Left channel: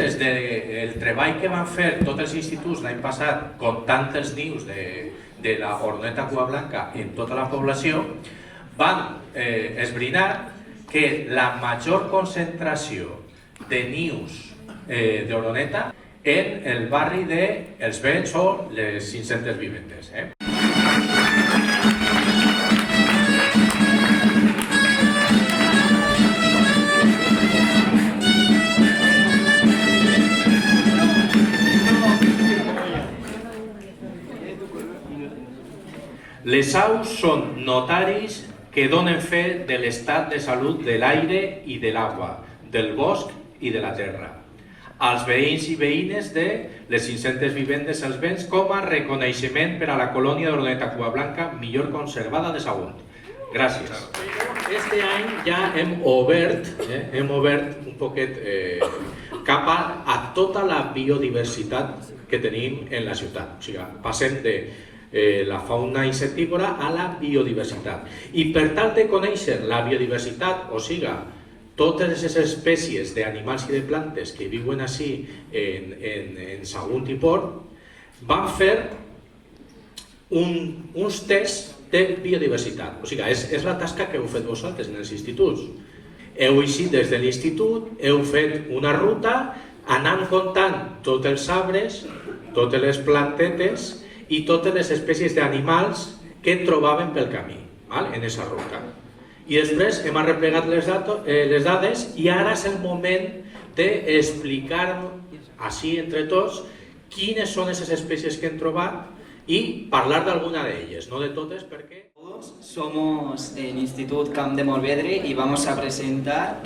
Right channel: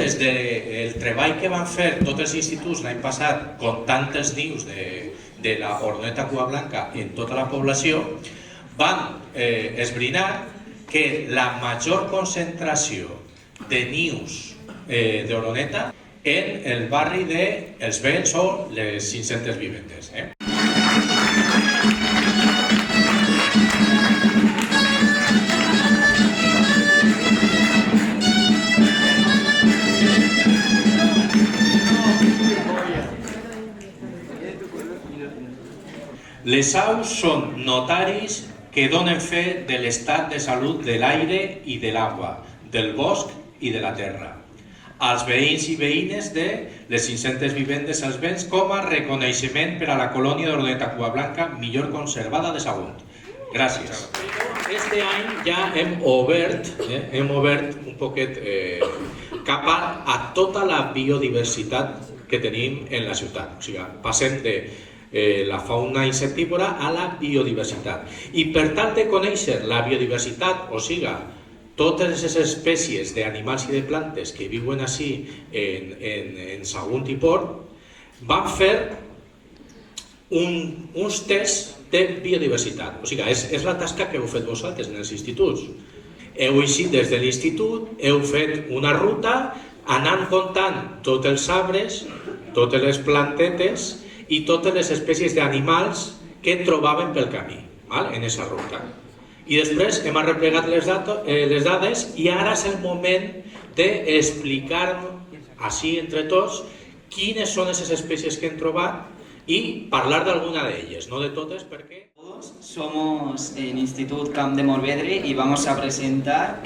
comptes del treball que van fer tots els instituts l'any passat comptant els nius de la oroneta cua blanca en tota la població, van esbrinar que la major concentració de nius d'oroneta en el barri dels Vents o les 500 viventes. Les aus són notaris que donen fe de l'estat de salut de l'aire i de l'aigua, del bosc i de la terra, als veïns i veïnes de les 500 vivendes als Vents com a reconeixement per a la colònia d'oroneta cua blanca millor conservada de Sagunt. Gràcies. Este any ja hem obert un poquet cap a tota la biodiversitat que tenim en la ciutat. O sigui, passem de la fauna insectívora a la biodiversitat. I per tal de conèixer la biodiversitat, o sigui, totes les espècies d'animals i de plantes que viuen així en Sagunt i Port, van fer uns tests de biodiversitat. O sigui, és la tasca que heu fet vosaltres en els instituts. Heu eixit des de l'institut, heu fet una ruta anant comptant tots els arbres, totes les plantetes i totes les espècies d'animals que trobaven pel camí, en aquesta ruta. I després hem arreplegat les dades i ara és el moment d'explicar així entre tots quines són aquestes espècies que hem trobat y parlar de alguna de ellas, no de todas, porque... Todos somos en Institut Camp de Morvedre y vamos a presentar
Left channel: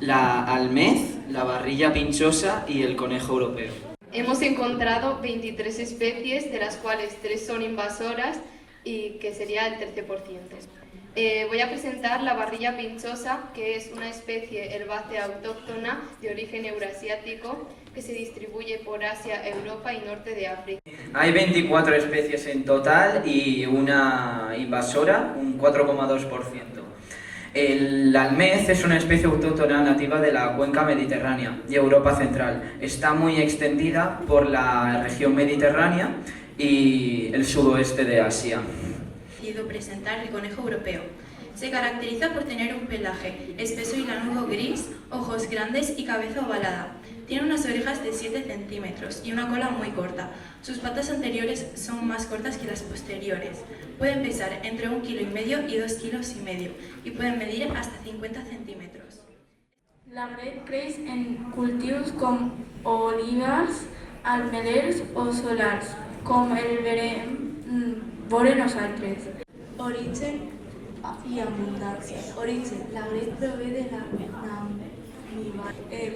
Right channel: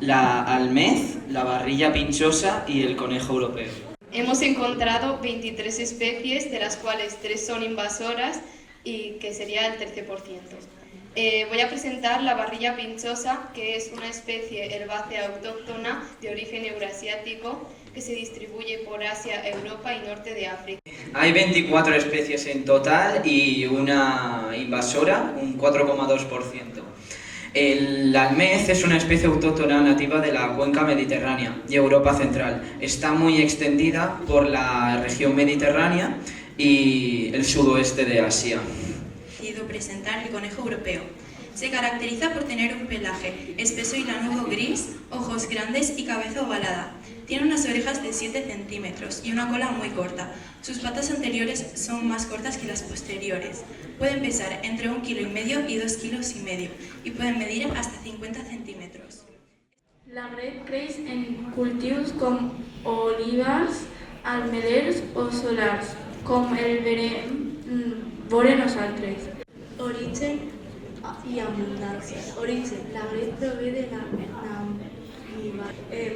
la almez, la barrilla pinchosa y el conejo europeo. Hemos encontrado 23 especies, de las cuales 3 son invasoras y que sería el 13%. Voy a presentar la barrilla pinchosa, que es una especie herbácea autóctona de origen eurasiático que se distribuye por Asia, Europa y norte de África. Hay 24 especies en total y una invasora, un 4,2%. El almez es una especie autóctona nativa de la cuenca mediterránea y Europa central. Está muy extendida por la región mediterránea y el sudoeste de Asia. Presentar el conejo europeo. Se caracteriza por tener un pelaje espeso y lanudo gris, ojos grandes y cabeza ovalada. Tiene unas orejas de 7 centímetros y una cola muy corta. Sus patas anteriores son más cortas que las posteriores. Pueden pesar entre 1,5 kg y 2,5 kg y pueden medir hasta 50 centímetros. L'agret creix en cultius com olives, ametllers o solars, com el veure nosaltres. Origen y abundancia. Origen. L'agret prové de la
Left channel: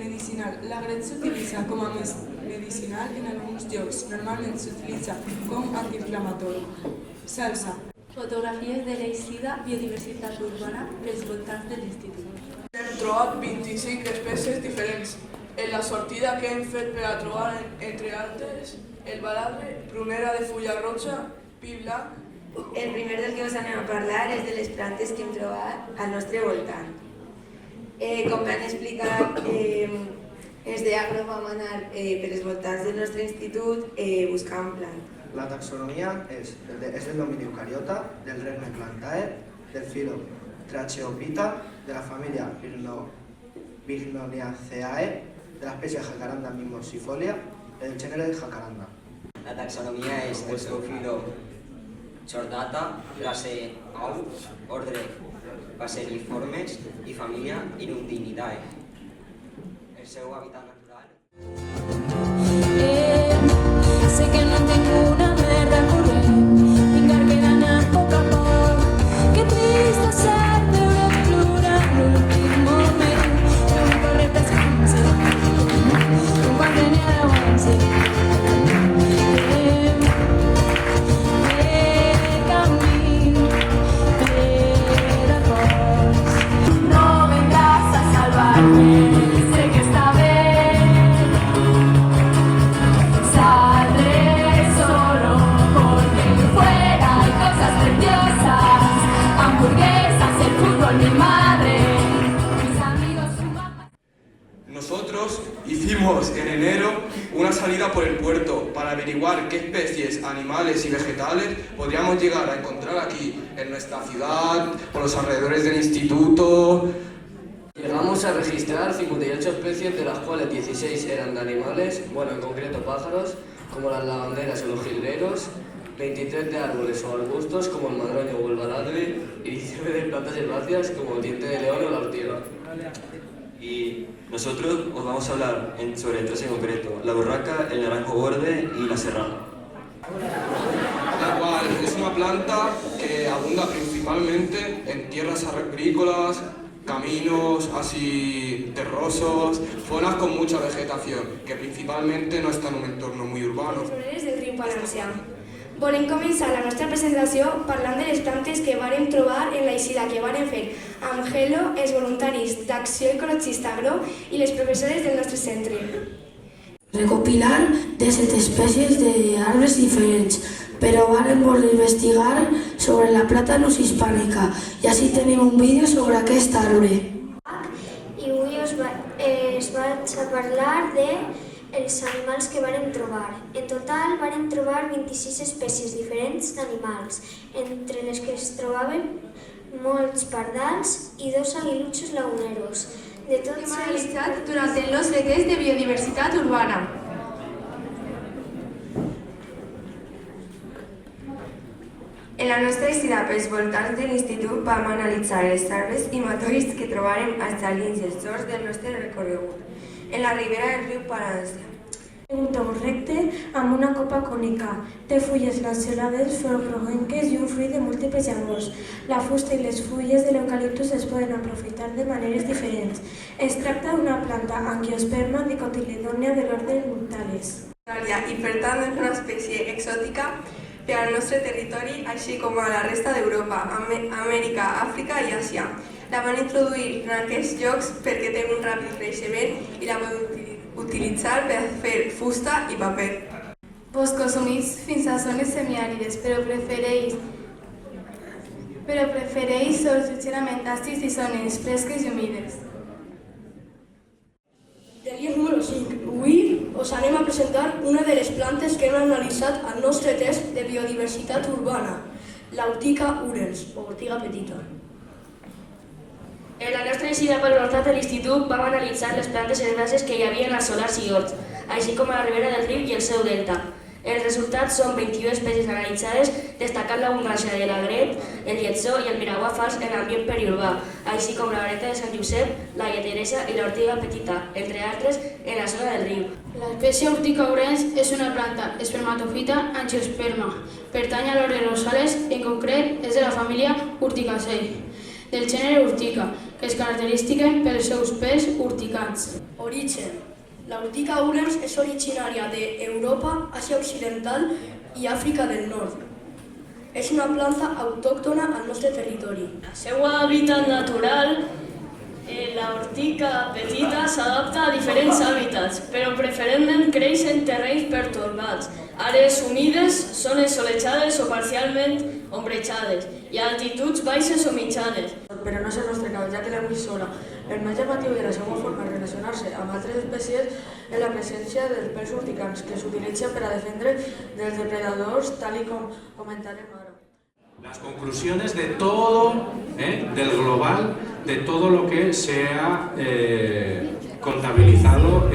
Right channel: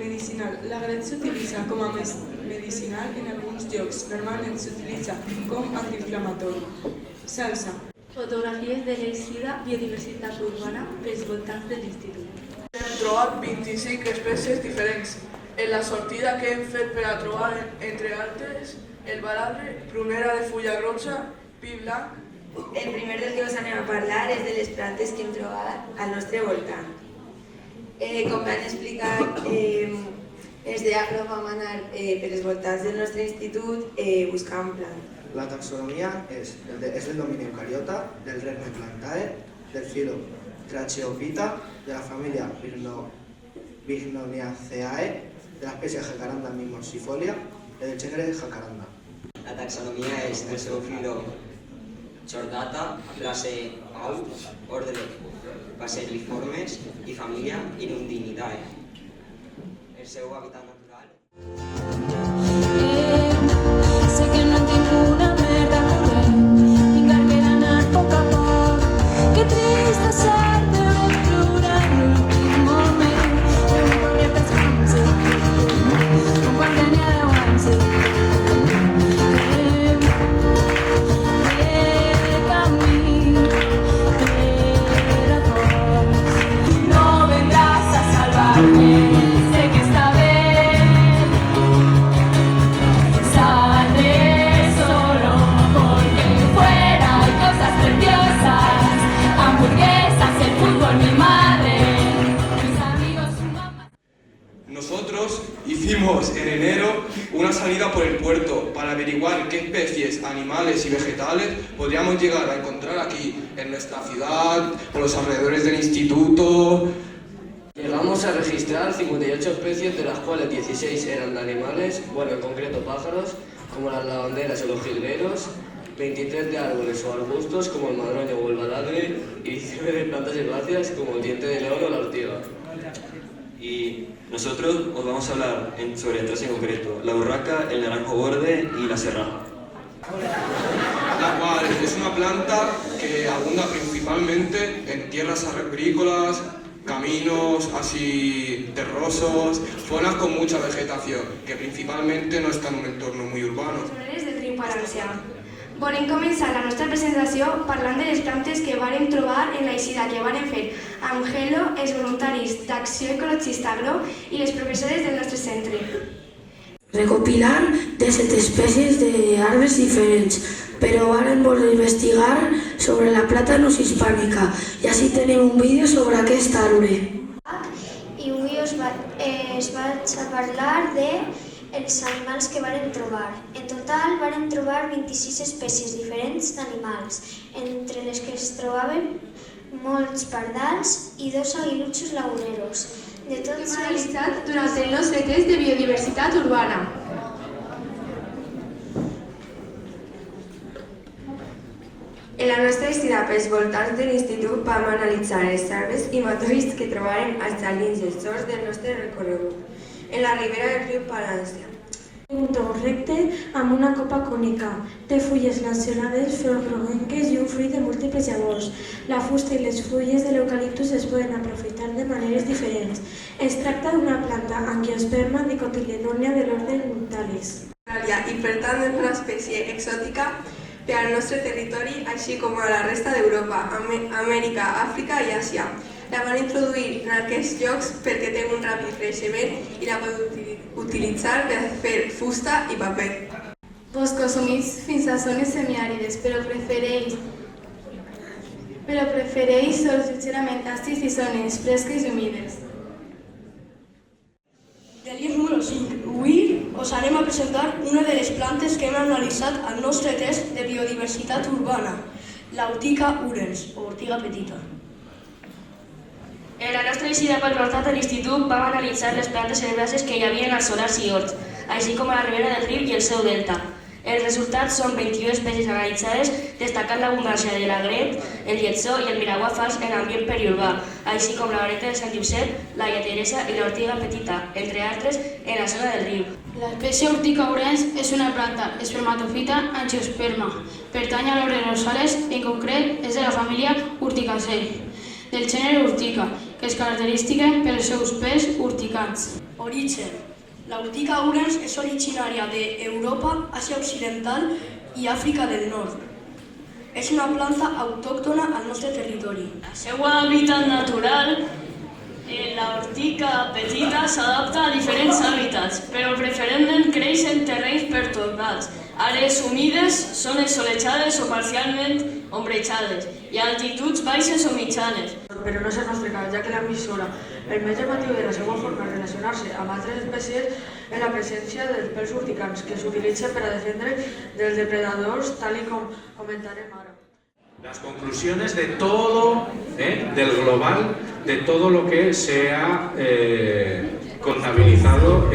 medicinal. L'agret s'utilitza com a medicinal en alguns llocs. Normalment s'utilitza com antiinflamatori. Salsa. Fotografies de l'eixida biodiversitat urbana pels voltants de l'institut. Hem trobat 25 espècies diferents. En la sortida que hem fet per a trobar, entre altres, el baladre, prunera de fulla grossa, pi blanc. El primer del que us anem a parlar és de les plantes que hem trobat al nostre voltant. Com m'han explicat, els d'Agro vam anar per els voltants del nostre institut buscant plantes. La taxonomia és del domini eucariota, del regne Plantae, del filo Tracheophyta, de la família Bignoniaceae, de l'espècie Jacaranda mimosifolia, del gènere Jacaranda. La taxonomia és del seu filo Chordata, clase Aus, ordre Passeriformes i família Hirundinidae. El seu hàbitat natural. Sé que no tengo una merda por él, pingar que ganar poco a poco, qué triste hacerte aventura en el último mes, pero no corre pescanse, comparte ni al avance. No vendrás a salvarme, sé que esta vez Tenemos en enero una salida por el puerto para averiguar qué especies animales y vegetales podríamos llegar a encontrar aquí, en nuestra ciudad, por los alrededores del instituto. Llegamos a registrar 58 especies, de las cuales 16 eran de animales, bueno, en concreto pájaros, como las lavanderas y los jilgueros, 23 de árboles o arbustos, como el madroño o el baladre, y 19 de plantas herbáceas, como el diente de león o la ortiga. Y nosotros os vamos a hablar sobre tres en concreto: la borraca, el naranjo borde y la serrana. La cual es una planta que abunda principalmente en tierras agrícolas, caminos así terrosos, zonas con mucha vegetación, que principalmente no está en un entorno muy urbano. Del riu Palància. Volem començar la nostra presentació parlant de les plantes que vàrem trobar en la eixida que vàrem fer amb Hello, els voluntaris d'Acció Ecologista Agro i les professores del nostre centre. Recopilar 17 espècies d'arbres diferents, però vàrem voler investigar sobre la plàtanus hispànica i així tenim un vídeo sobre aquest arbre. I avui us vaig a parlar dels animals que vàrem trobar. En total vàrem trobar 26 espècies diferents d'animals, entre les que es trobaven molts pardals i 2 aguilutxos laguneros. De tots analitzat durant el nostre test de biodiversitat urbana. En la nostra eixida pels voltants de l'institut vam analitzar els arbres i matolls que trobarem als jardins i els horts del nostre recorregut, en la ribera del riu Palància. Un tronc recte amb una copa cònica, té fulles lanceolades, flors groguenques i un fruit de múltiples llavors. La fusta i les fulles de l'eucaliptus es poden aprofitar de maneres diferents. Es tracta d'una planta angiosperma dicotiledònia de l'ordre Muntales. I per tant és una espècie exòtica per al nostre territori, així com a la resta d'Europa, Amèrica, Àfrica i Àsia. La van introduir en aquests llocs perquè té un ràpid creixement i la poden utilitzar per fer fusta i paper. Boscos humits fins a zones semiàrides, però prefereix sòls lleugerament àcids i zones fresques i humides. Del llibre número 5. Avui us anem a presentar una de les plantes que hem analitzat al nostre test de biodiversitat urbana, l'Ortiga urens, o ortiga petita. En la nostra eixida pel voltant de l'institut vam analitzar les plantes herbàcies que hi havia als solars i horts, així com a la ribera del riu i el seu delta. Els resultats són 21 espècies analitzades, destacant l'abundància de l'agret, el lletsó i el miraguà fals en l'ambient periurbà, així com la vareta de Sant Josep, la lleteresa i l'ortiga petita, entre altres, en la zona del riu. L'espècie Ortiga urens és una planta espermatofita angiosperma. Pertany a l'ordre Rosales, en concret és de la família Urticaceae, del gènere Urtica, que es caracteritza pels seus pèls urticants. Origen. L'Ortiga urens és originària d'Europa, Àsia Occidental i Àfrica del Nord. És una planta autòctona al nostre territori. El seu hàbitat natural, la ortiga petita, s'adapta a diferents hàbitats, però preferentment creix en terrenys pertorbats, àrees humides, zones solejades o parcialment ombrejades, i altituds baixes o mitjanes. Però no és el nostre cas, ja que l'emissora permet el motiu de la seva forma de relacionar-se amb altres espècies en la presència dels pèls urticants, que s'utilitzen per a defendre dels depredadors, tal com comentarem ara. Las conclusiones de todo, del global, de todo lo que se ha contabilizado.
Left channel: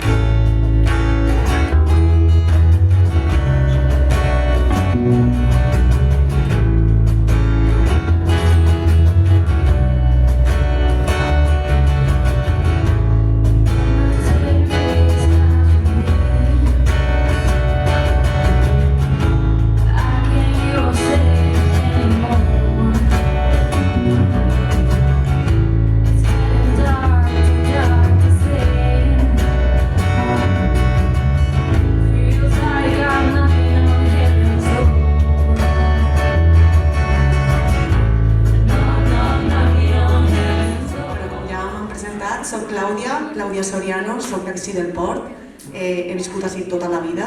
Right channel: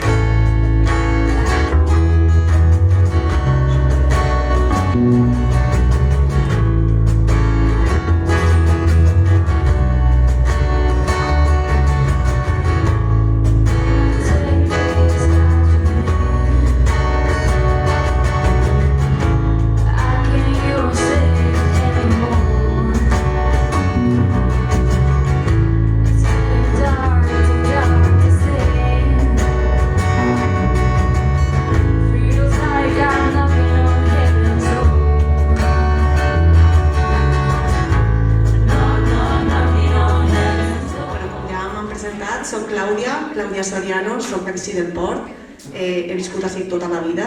Soc Clàudia Soriano, soc d'ací del Port, he viscut així tota la vida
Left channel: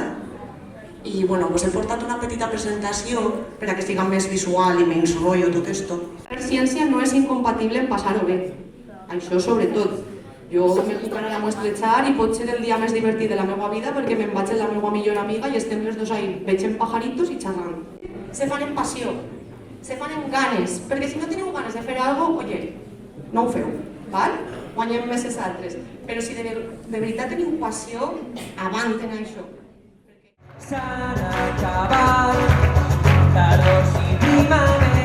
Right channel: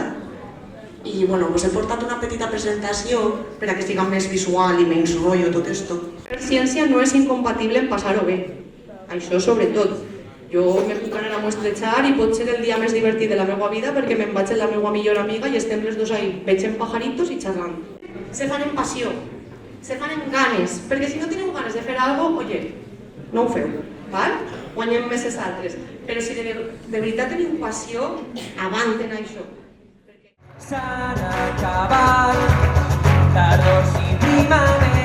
i us he portat una petita presentació per a que siga més visual i menys rotllo tot esto. La ciència no és incompatible en passar-ho bé, això sobretot, Jo me puc anar a Muestrejar i pot ser el dia més divertit de la meva vida perquè me'n vaig amb la meva millor amiga i estem les dos ahí, veiem pajaritos i xerrant. Se fan en passió, se fan en ganes, perquè si no teniu ganes de fer alguna cosa, oye, no ho feu, val? Guanyem més els altres. Però si de veritat teniu passió, avanten això. S'han acabat tardors i primaveres.